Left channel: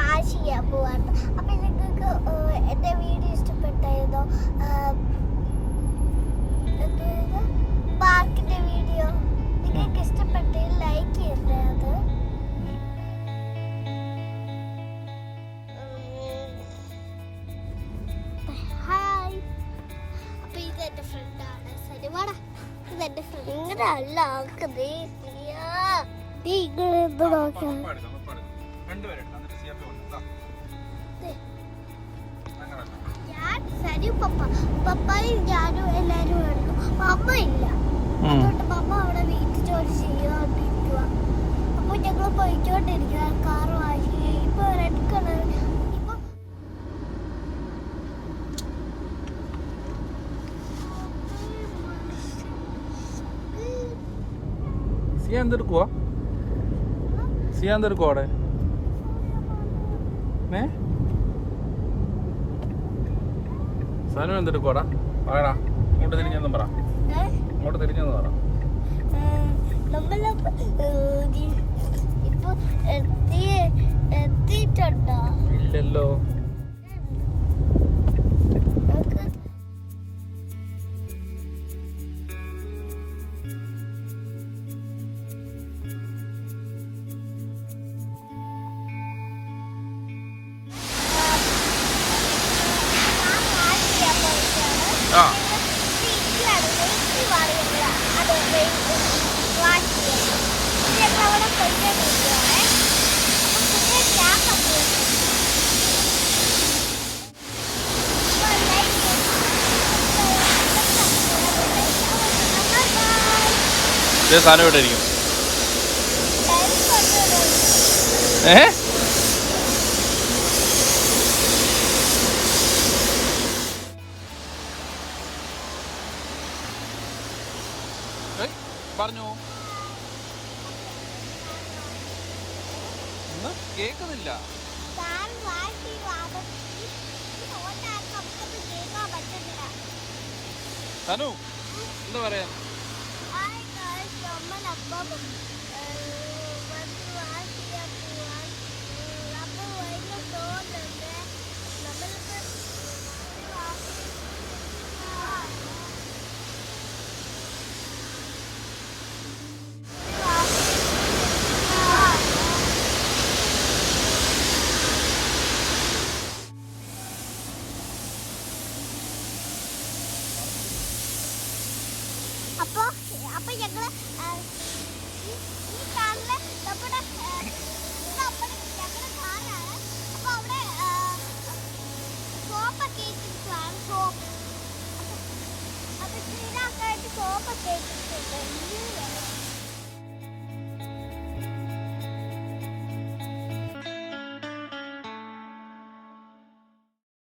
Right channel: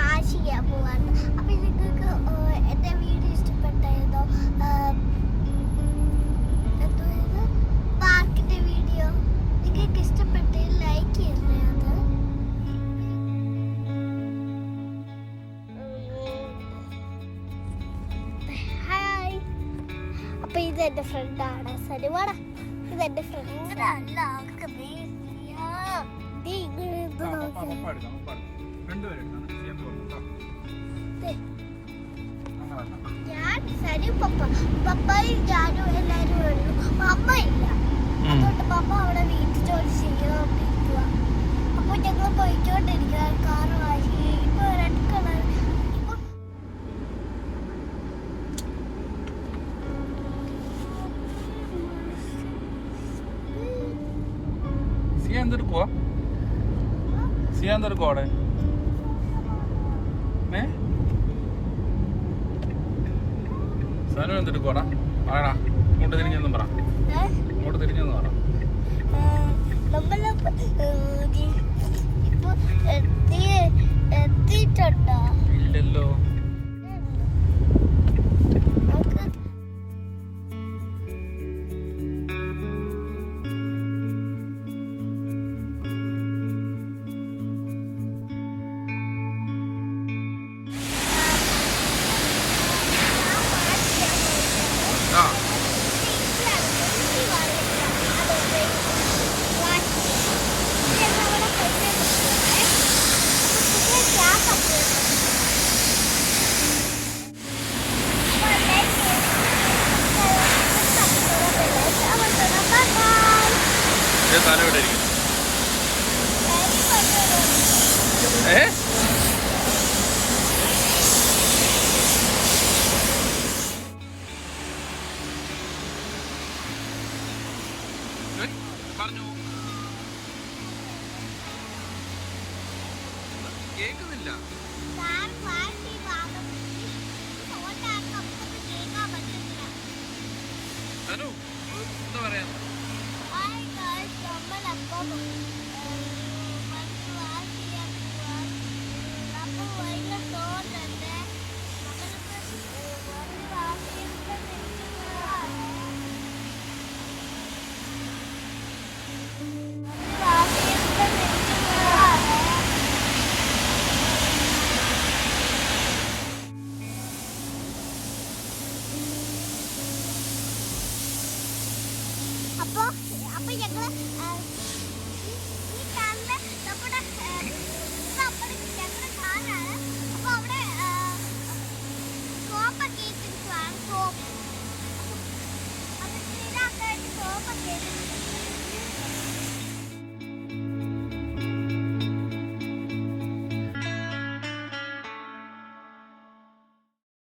Wash ചെയ്യാൻ പോവാണ്. അപ്പൊ നിങ്ങൾക്ക് എന്റെ വീഡിയോ ഇഷ്ടപ്പെട്ടായിരുന്നോ? പാർക്കിന്റെ വീഡിയോ നിങ്ങൾക്ക് ഇഷ്ടപ്പെട്ടെങ്കിൽ ലൈക്ക് ചെയ്യണ്ടേ. അത് ഹായ്. അപ്പൊ ഇത് എന്റെ ഫ്രണ്ടാണ് സരിവാടാ. ഇതെന്റെ ഫ്രണ്ട് അല്ല ആക്കുന്നേ. ഞാൻ സരി പപ്പായും ഞാനും എല്ലാരും വന്നു. അമ്മ ഇല്ല, അതുകൊണ്ട് അമ്മ അവിടെ വീട്ടിൽ ജോലി ചെയ്യാണ്ടിരിക്കുക. അപ്പൊ ഞങ്ങൾ പോയിക്കൊണ്ടിരിക്കുക. കാർ വാങ്ങി ഇപ്പൊ റെഡ് കളർ. എന്തെടുക്കുവാ അവിടെ? സനു എന്തെടുക്കുവാടാ? പറയടാ, ഇങ്ങോട്ട് തിരിഞ്ഞെന്നും പറ. ഇങ്ങോട്ട് തിരിഞ്ഞെന്ന് പറ. ഇപ്പൊ എത്തിയിട്ടുണ്ടോ? ഇല്ലല്ലോ. ആ സാധനം ഇവിടെ ഇരിക്കും. പറഞ്ഞു കേക്കുന്നില്ല. സനു എന്താ പറയാ? അപ്പൊ ഞങ്ങള്